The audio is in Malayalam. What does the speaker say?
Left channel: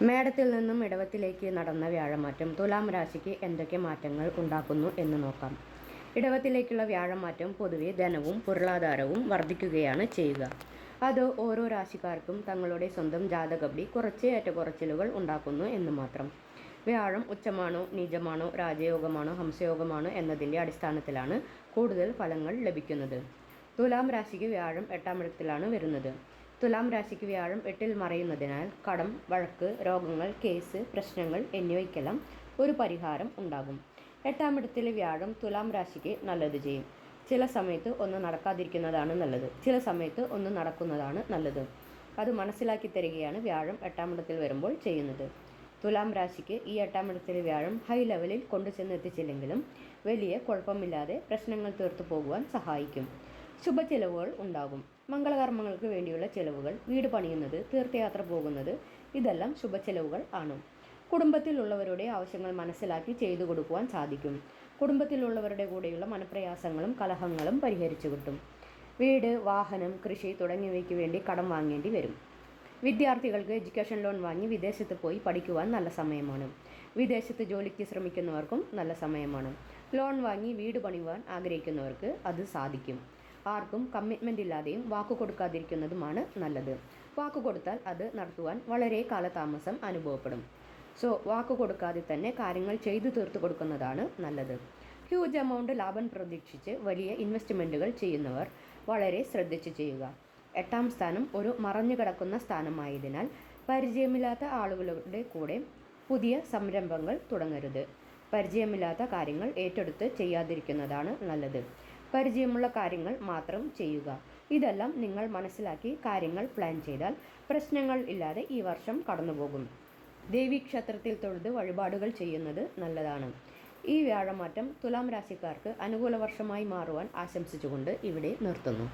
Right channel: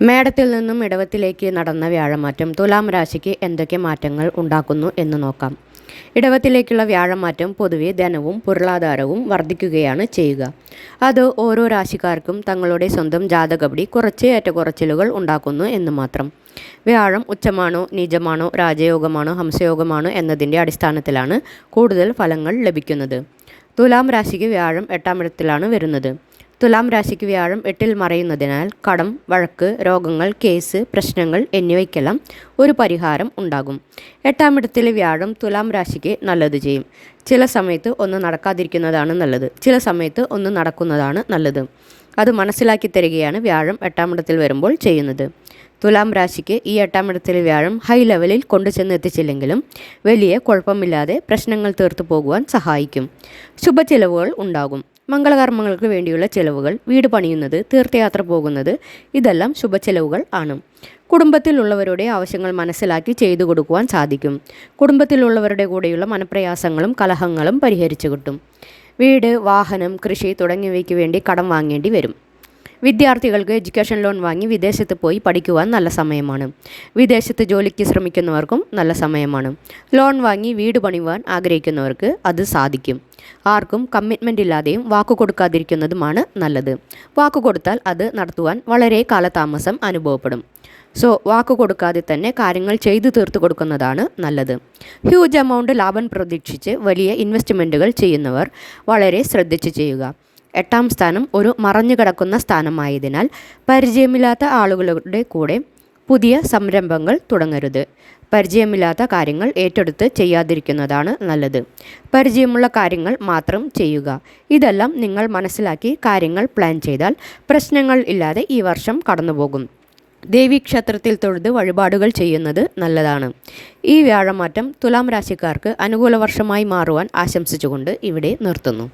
മേടത്തിൽ നിന്നും ഇടവത്തിലേക്ക് നടന്ന വ്യാഴമാറ്റം തുലാം രാശിക്ക് എന്തൊക്കെ മാറ്റങ്ങൾ ഉണ്ടാക്കുന്നു എന്ന് നോക്കാം. ഇടവത്തിലേക്കുള്ള വ്യാഴമാറ്റം പൊതുവെ ധനവും പൊരുളാധാരവും വർദ്ധിക്കുകയാണ് ചെയ്യുക. അത് ഓരോ രാശിക്കാർക്കും തങ്ങളുടെ സ്വന്തം ജാതകപടി കുറച്ച് ഏറ്റക്കുറച്ചിലുകൾ ഉണ്ടാക്കുന്നു എന്ന് മാത്രം. വ്യാഴം ഉച്ചമാണോ നീചമാണോ രാജയോഗമാണോ ഹംസയോഗമാണോ എന്നതിന്റെ അടിസ്ഥാനത്തിലാണ് കൂടുതൽ ഫലങ്ങൾ ലഭിക്കുന്നത്. തുലാം രാശിക്ക് വ്യാഴം എട്ടാം ഇടത്തിലാണ് വരുന്നത്. തുലാം രാശിക്ക് വ്യാഴം എട്ടിൽ മറയുന്നതിനാൽ കടം വഴക്ക് രോഗങ്ങൾ കേസ് പ്രശ്നങ്ങൾ എന്നിവയ്ക്കെല്ലാം ഒരു പരിഹാരം ഉണ്ടാകും. എട്ടാം ഇടത്തിലെ വ്യാഴം തുലാം രാശിക്ക് നല്ലത് ചെയ്യും. ചില സമയത്ത് ഒന്ന് നടക്കാതിരിക്കുന്നതാണ് നല്ലത്. ചില സമയത്ത് ഒന്ന് നടക്കുന്നതാണ് നല്ലത്. അത് മനസ്സിലാക്കി തരികയാണ് വ്യാഴം എട്ടാം ഇടത്തിൽ വരുമ്പോൾ ചെയ്യുന്നത്. തുലാം രാശിക്ക് ഈ എട്ടാം ഇടത്തിലെ വ്യാഴം ഹൈ ലെവലിൽ കൊണ്ടുചെന്ന് എത്തിച്ചില്ലെങ്കിലും വലിയ കുഴപ്പമില്ലാതെ പ്രശ്നങ്ങൾ തീർത്തു പോകുവാൻ സഹായിക്കും. ശുഭചിലവുകൾ ഉണ്ടാകും. മംഗളകർമ്മങ്ങൾക്ക് വേണ്ടിയുള്ള ചിലവുകൾ വീട് പണിയുന്നത് തീർത്ഥയാത്ര പോകുന്നത് ഇതെല്ലാം ശുഭചിലവുകൾ ആണ്. കുടുംബത്തിലുള്ളവരുടെ ആവശ്യങ്ങൾ മനസ്സിലാക്കി ചെയ്തു കൊടുക്കുവാൻ സാധിക്കും. കുടുംബത്തിലുള്ളവരുടെ കൂടെയുള്ള മനപ്രയാസങ്ങളും കലഹങ്ങളും പരിഹരിച്ചു കിട്ടും. വീട് വാഹനം കൃഷി തുടങ്ങിയവയ്ക്ക് വേണ്ടി കടം വാങ്ങേണ്ടി വരും. വിദ്യാർത്ഥികൾക്ക് എഡ്യൂക്കേഷൻ ലോൺ വാങ്ങി വിദേശത്ത് പോയി പഠിക്കുവാൻ നല്ല സമയമാണ്. വിദേശത്ത് ജോലിക്ക് ശ്രമിക്കുന്നവർക്കും നല്ല സമയമാണ്. ലോൺ വാങ്ങി വീട് പണിയുവാൻ ആഗ്രഹിക്കുന്നവർക്ക് അത് സാധിക്കും. ആർക്കും കമ്മിറ്റ്മെന്റ് ഇല്ലാതെയും വാക്കു കൊടുക്കാതിരിക്കുന്നതുമാണ് നല്ലത്. വാക്കു കൊടുത്താൽ അത് നടത്തുവാൻ വളരെ കാലതാമസം അനുഭവപ്പെടും. സോ വാക്കു കൊടുക്കാതെ തന്നെ കാര്യങ്ങൾ ചെയ്തു തീർത്തു കൊടുക്കുന്നതാണ് നല്ലത്. ഹ്യൂജ് എമൗണ്ട് ലാഭം പ്രതീക്ഷിച്ച് വലിയ ഇൻവെസ്റ്റ്മെന്റുകൾ ചെയ്യുന്നവർ വളരെ ശ്രദ്ധിച്ച് ചെയ്യുക. എട്ടാം സ്ഥാനം ഒരു മറഞ്ഞുകിടക്കുന്ന സ്ഥാനമായതിനാൽ പരിചയമില്ലാത്ത ആളുകളുടെ കൂടെ പുതിയ സംരംഭങ്ങൾ തുടങ്ങരുത്. പരിചയമില്ലാത്ത കാര്യങ്ങൾ ഏറ്റെടുത്ത് ചെയ്യാതിരിക്കുന്നതാണ് നല്ലത്. പരിചയമുള്ള കാര്യങ്ങൾ മാത്രം ചെയ്യുക. ഇതെല്ലാം നിങ്ങൾ മനസ്സിലാക്കി കാര്യങ്ങൾ പ്ലാൻ ചെയ്താൽ പ്രശ്നങ്ങൾ ഇല്ലാതെ ഈ വർഷം കടന്നുപോകും. ദേവീക്ഷേത്രത്തിൽ തൊഴുത് വഴിപാടുകൾ ചെയ്യുന്നത് നല്ലതാണ്. ഈ വ്യാഴമാറ്റം തുലാം രാശിക്കാർക്ക് അനുകൂല വർഷമായി മാറുവാൻ ആശംസിച്ചുകൊണ്ട് ഇവിടെ നിർത്തുന്നു.